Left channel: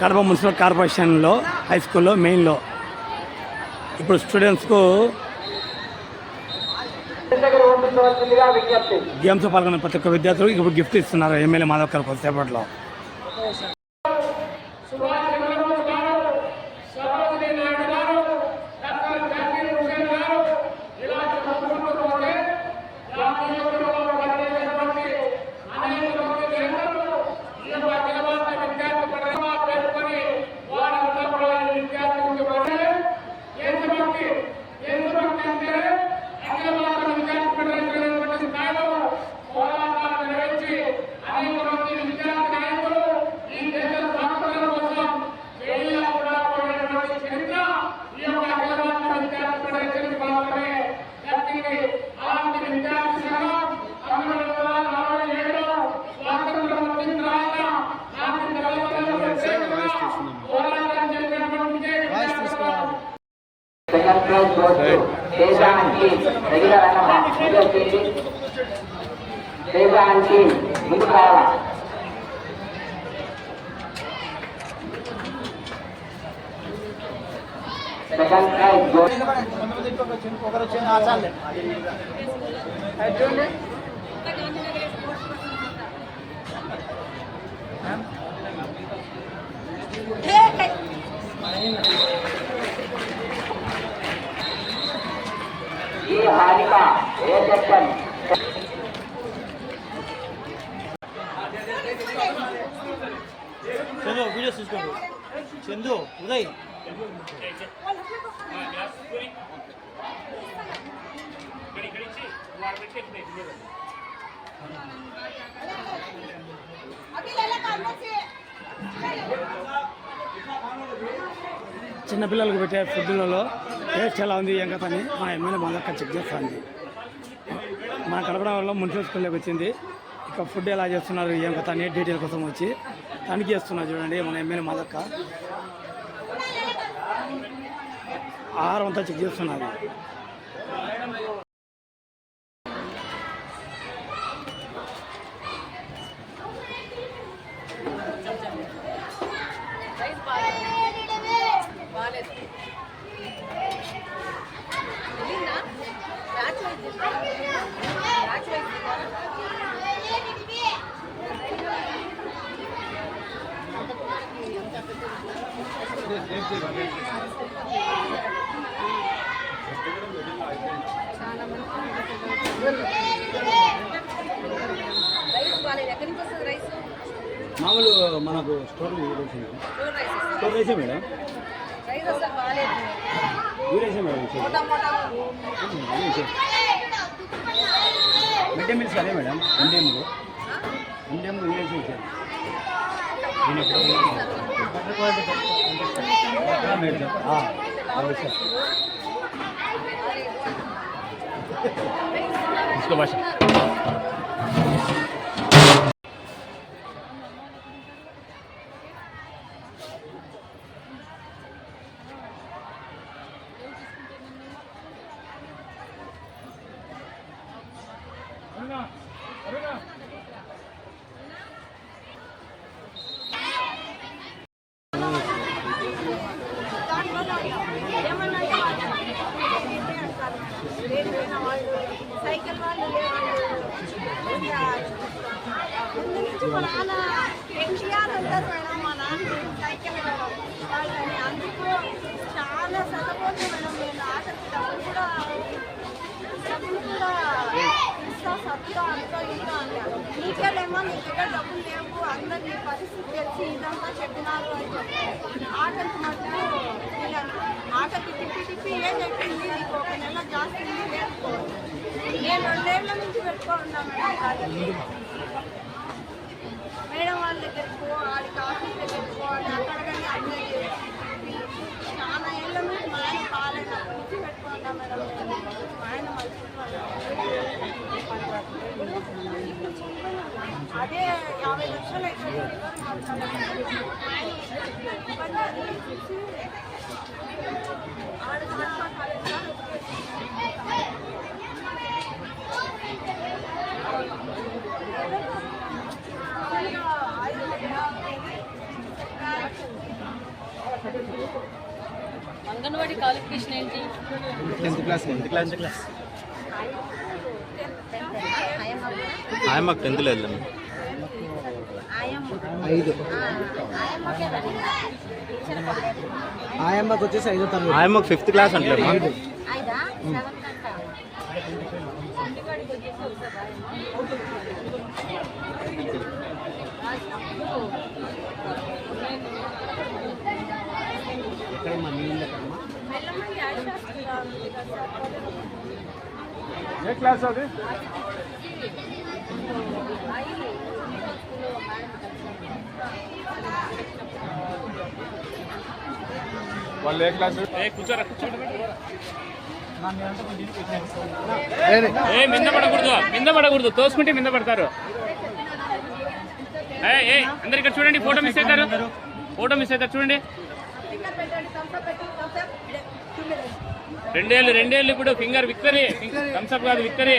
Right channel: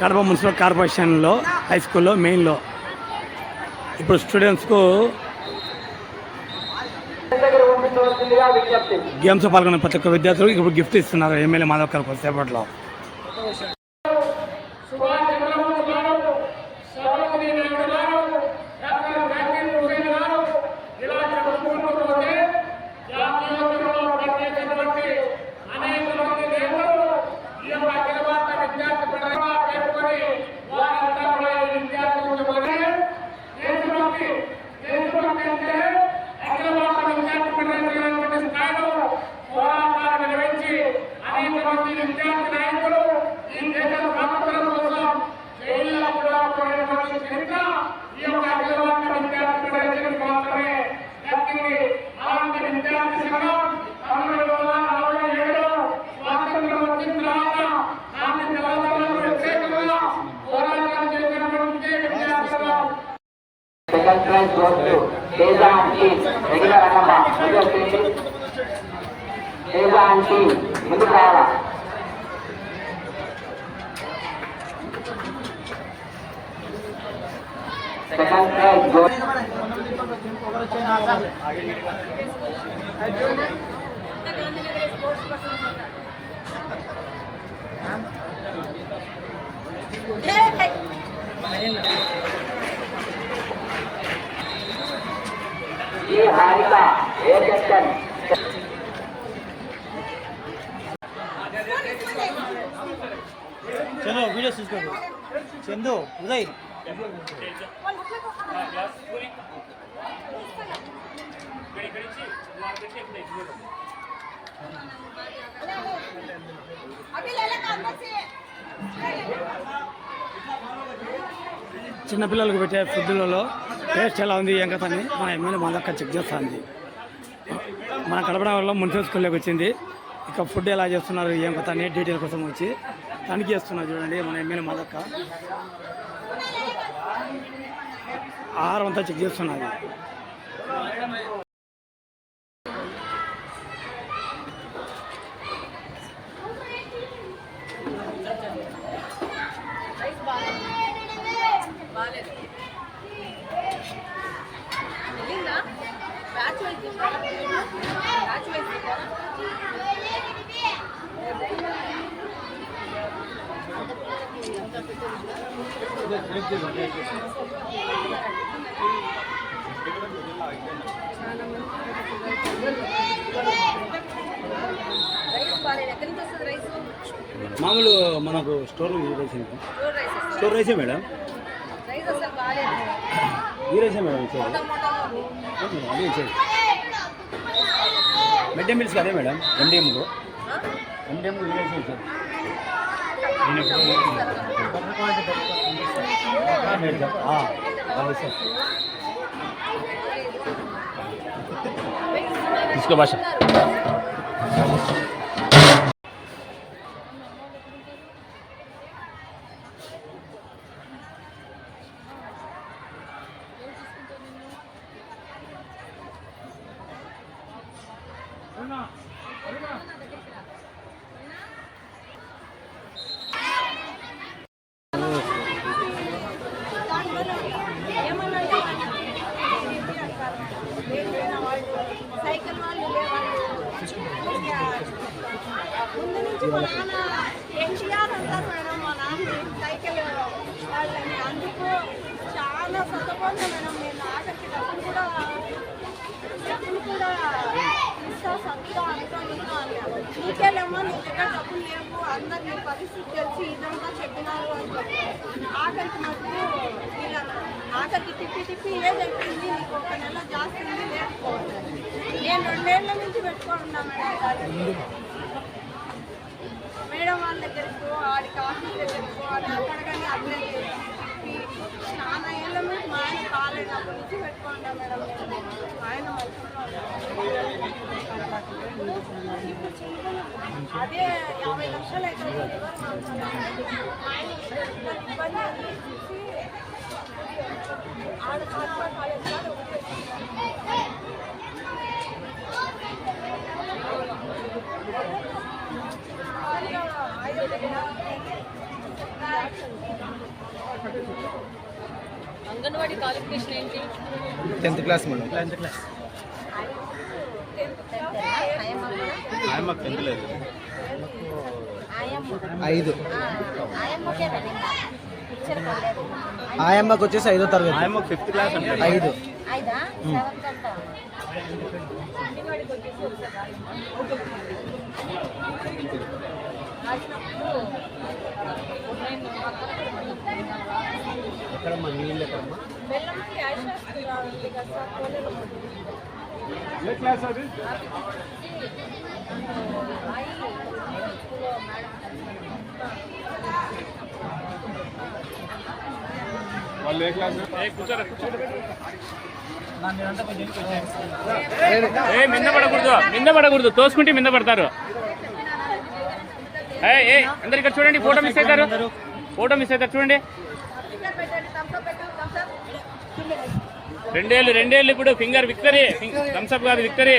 Kadapa municipal కార్పొరేషన్లో high స్కూల్లో మెయిన్లో ఇప్పుడు స్టూడెంట్స్కు గేమ్స్ పాల్గొన్న ప్రతి ఒక్క విద్యార్థులకు ఇప్పుడు గిఫ్ట్ ఇస్తున్నారు ఎమ్మెల్యే మాధవ్ గారు కొద్దిసేపట్లో. Second prize goes to Tejan team. Regular Tejan team. ముందు కావాలా? Second prize goes. ये हारिका ये सेक्शन चलो वीडियो सीख करो चंदू उदय చిన్నపిల్లలకు పెట్టే ఫుడ్లలో టేస్ట్ ఎలా ఉంది ఏం కదా అని మన ఎమ్మెల్యే మాధవ్ చెక్ చేస్తుంది. మన కడపడంలో మున్సిపల్ స్కూల్లోకి వచ్చింది. ఇక ఫుడ్ ఎలా చేస్తున్నారు ఏం కదా అని డీటెయిల్ కోసం వచ్చి తనిఖీ చేస్తున్నారు. చూడండి మన ఎమ్మెల్యే మాధవ్ ఆహారం అంతా చెక్ చేస్తున్నారు. మామూలు మనకు స్టోర్ రైసే మేడం రైసే మేడం మిడ్ డే మీల్స్ అదే మేడం ఎండిఎంలో इसको भाषा సైకిల్ వాళ్ళు ముందు నుంచి మా నాన్న ఎన్టీఆర్ అంటారు మేడం. మా నాన్న సైకిల్ వాళ్ళని అందుకు చాలా చదవబోతుంది మేడం. నేను ఆఖరికి డబ్బులు కూడా ఇస్తా సత్తా అంతా ఇంత అన్నారు. నీకేలేమ్మా నీ దగ్గర డబ్బులు లేవు, అందరు నీ పరిస్థితి తెలిసి ఇదంతా చెప్పినారు అని చెప్పారు. ఆఖరికి మటుకు ఇలా ఆఖరికి తిప్పి ఏజ్ అయిపోయింది, నీకు ఒక నెల జాస్తి లేకపోవాలి. నేను 2 ఏళ్ల నుంచి పెట్టుకోనున్నా మేడం వాళ్ళ దగ్గరకు వాడికి ఆఫీస్ దగ్గరకు అని అక్కడ కానీ అప్లై చేసి చాలా ఏళ్ళ నుంచి మా ఆయన పాలైనప్పటి నుంచి పెట్టుకున్నా మేడం. నేను మా ఆయన మంచి ఇప్పుడు అదే 50 లక్షలు అయితే లివర్ మార్చాలని ఆయన ఇబ్బంది అని చూసి ఆడ కాట్పా కాలేజ్ కాదు అంగన్వాడీ క్వాలిఫికేషన్ ఏంటి? 10th క్లాస్ నుండి. ఆయమ్మకు 10th లేదు. 5. ఆయమ్మకు వచ్చేసి 5వ తరగతి. ఆయమ్మకు 5th క్లాస్ అంటే 5. ఎక్కడమ్మా నీళ్ళు ఎక్కడమ్మా? ఏ క్లాస్ అది? వాళ్ళు ఏ క్లాస్? మింద పడకూడదు తోసుకుంటే మింద పడతారు. అందరు ఇక్కడ చూడండి, ఫోటో మిస్ అవుతారు చూడండి. 2 ఏళ్ళు ఇప్పుడు ఫింగర్ విక్టరీ, థమ్స్అప్ కాదు విక్టరీ.